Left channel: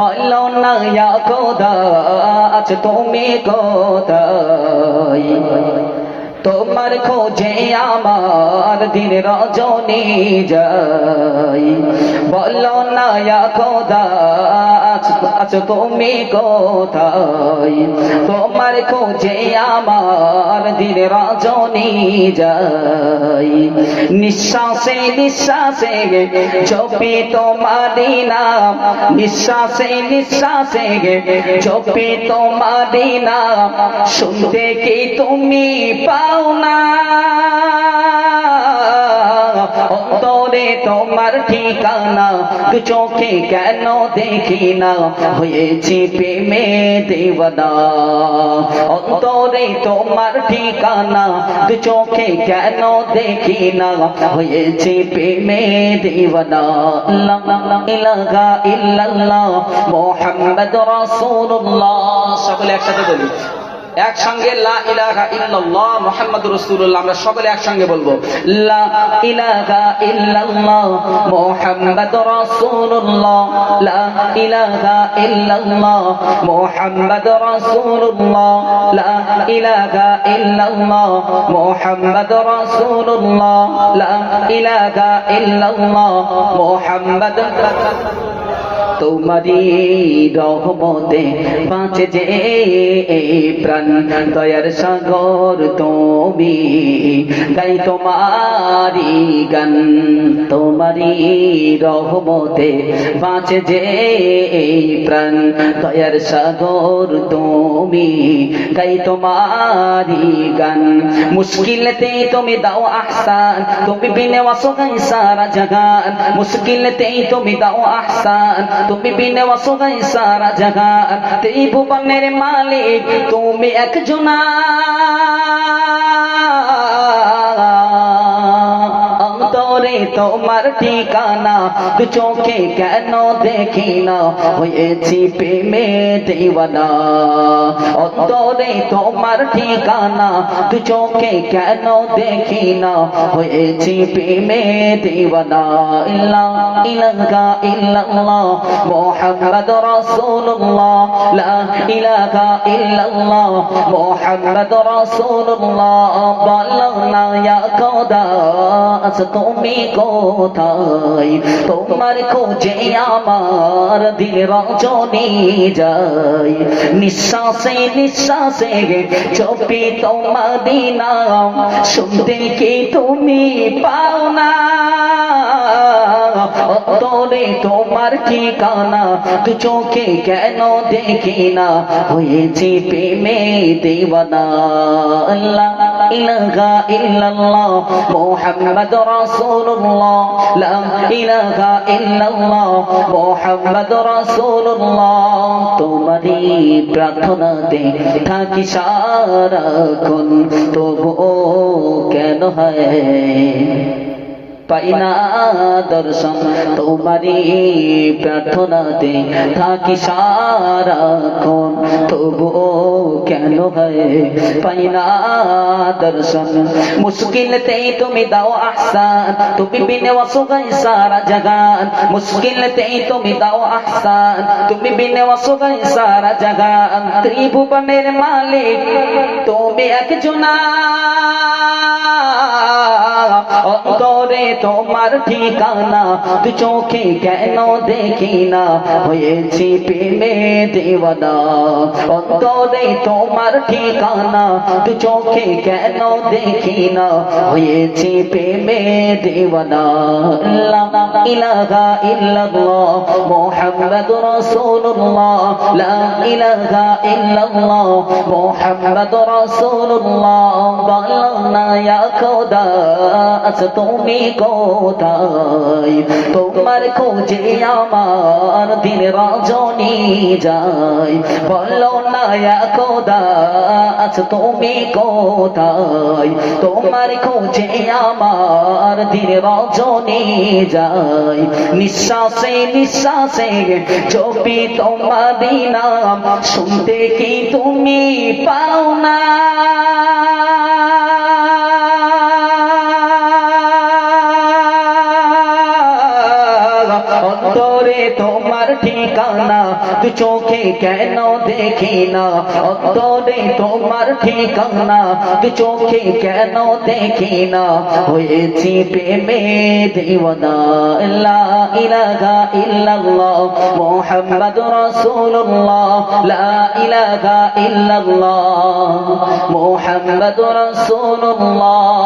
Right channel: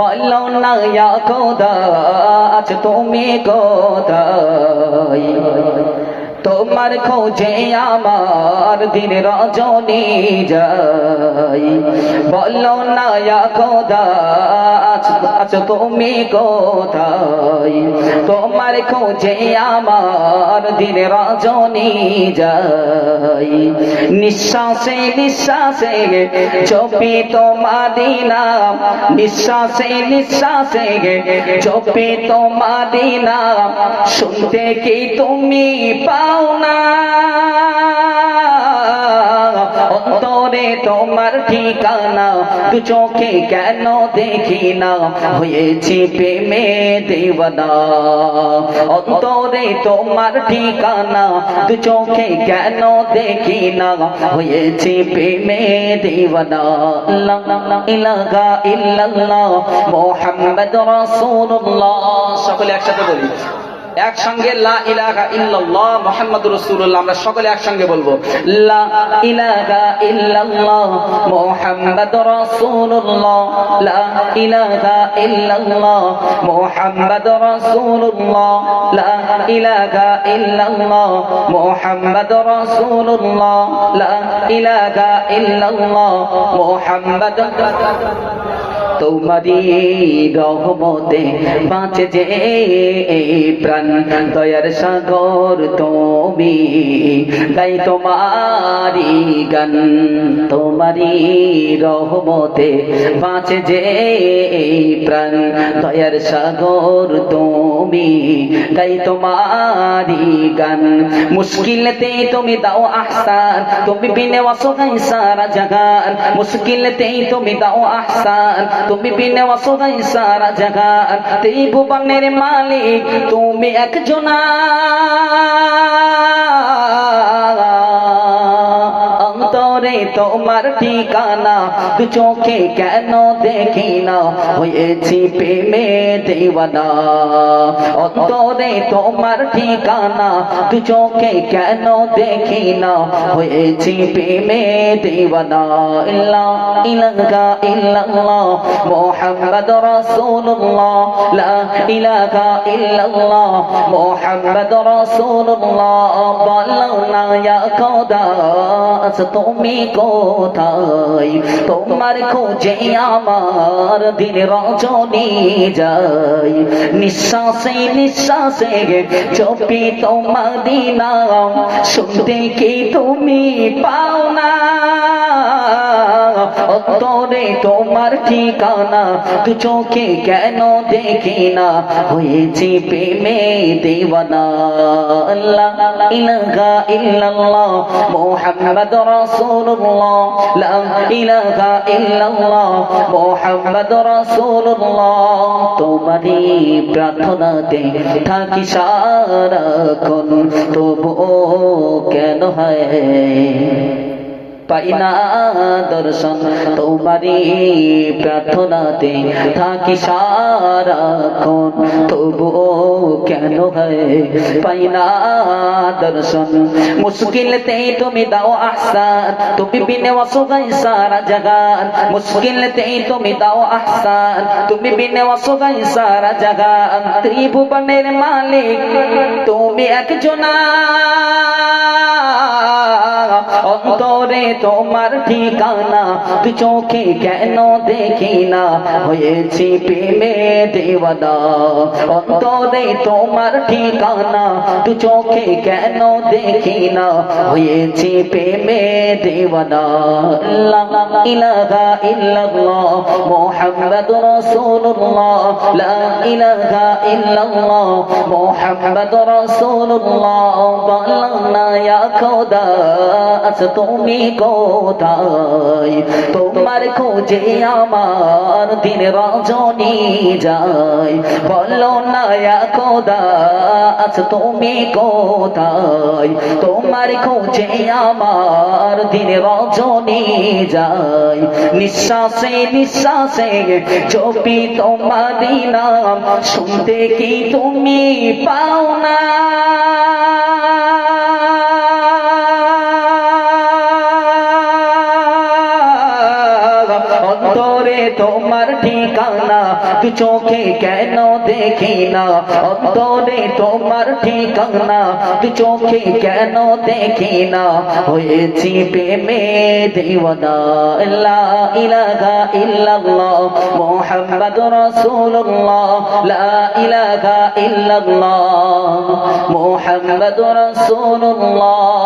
বলো না ইয়া খোদা আজ তুমি কোথায় তোমার খোঁজে আমার দিন রজনী যাই বলো না ইয়া খোদা আজ তুমি কোথায়? তোমার খোঁজে আমার দিন রজনী যাই নিঃশ্বাসে নিঃশ্বাসে চপি তোমারি নাম নিঃশ্বাসে নিঃশ্বাসে চপি তোমারি নাম শুনতে কি তুমি পাও না? অন্তরে তোমার ঠিকানা? দু চোখে কেন দেখি না হয়েছি প্রেমে দেবনা অন্তরে তোমার ঠিকানা, দু চোখে কেন দেখি না হয়েছি প্রেমে দেবনা ইলাহা ইল্লাল্লাহ মুহাম্মদ সকলে একসাথে বলি। একসঙ্গে লা ইলাহা আমরা সকলে একসঙ্গে বলব, লা ইলাহা লা ইলাহা ইল্লাল্লাহ মুহাম্মাদুর রাসূলুল্লাহ, লা ইলাহা ইল্লাল্লাহ রাসূলুল্লাহ, লা তোমারি রহমতে বাঁচে যে প্রাণ। দয়ার সাগর তুমি গাই তোমারি গান। তোমারি রহমতে বাঁচে যে এই প্রাণ। দয়ার সাগর তুমি গাই তোমারি গান। মুশকিলতে তুমি দাও আহসান, তুমি বিনে অসহায় সারা জাগান মুশকিলতে তুমি দাও আহসান, তুমি বিনে অসহায় সারা জাগান তেই ভুবনের মালিক তুমি একজনা। তোমার ঠিকানা দু চোখে কেন দেখি না? হয়েছি প্রেমে দেওয়ানা। অন্তরে তোমার ঠিকানা, দু চোখে কেন দেখি না? হয়েছি প্রেমে দেওয়ানা। ইল্লাহ ইলাহা, ইল্লাল্লাহ, মুহাম্মদ রাসূলুল্লাহ। লা ইলাহা, ইল্লাল্লাহ, মুহাম্মদ রাসূলুল্লাহ। বলো না, ইয়া খোদা, আজ তুমি কোথায় তোমার খোঁজে আমার দিন রজনী যাই নিঃশ্বাসে নিঃশ্বাসে চপি তোমারি নাম, শুনতে কি তুমি পাও না? অন্তরে তোমার ঠিকানা তু চোখে কেন দেখি না? হয়েছি প্রেমে দেওয়ানা। আল্লাহ তোমারই প্রার্থনাতে থাকি সারাক্ষণ। তবুও কেন হয়? পাই না দর্শন। তোমারি প্রার্থনাতে থাকি সারাক্ষণ। পাই না দর্শন মুশকিলতে তুমি দাও আহসান তুমি বিনে অসহায় সারা জাগান মুশকিলতে তুমি দাও আহসান তুমি বিনে অসহায় সারা জগান ত্রিভুবনের মালিক তুমি একজনা তোমার ঠিকানা, তুই চোখে কেন দেখি না হয়েছি প্রেমে দেওয়ানা। অন্তরে তোমার ঠিকানা, তুই চোখে কেন দেখি না হয়েছি প্রেমে দেওয়ানা। ইলাহা ইল্লাল্লাহ মুহাম্মাদুর লা ইলাহা ইল্লাল্লাহ মুহাম্মাদুর রাসূলুল্লাহ। খোদা তুমি কোথায়? তোমার খোঁজে আমার দিন রজনী যায়। বলো না ইয়া খোদা তুমি কোথায়? তোমার খোঁজে আমার দিন রজনী যায়। নিঃশ্বাসে নিঃশ্বাসে চপি তোমারি নাম শুনতে কি তুমি পাও না? তোমার ঠিকানা দু চোখে কেন দেখি না? অন্তরে তোমার ঠিকানা দু চোখে কেন দেখি না? হয়েছি প্রেমে দেওয়ানা, লা ইলাহা ইল্লাল্লাহ মুহাম্মাদুর রাসূলুল্লাহ, লা ইলাহা ইল্লাল্লাহ মুহাম্মাদুর রাসূলুল্লাহ।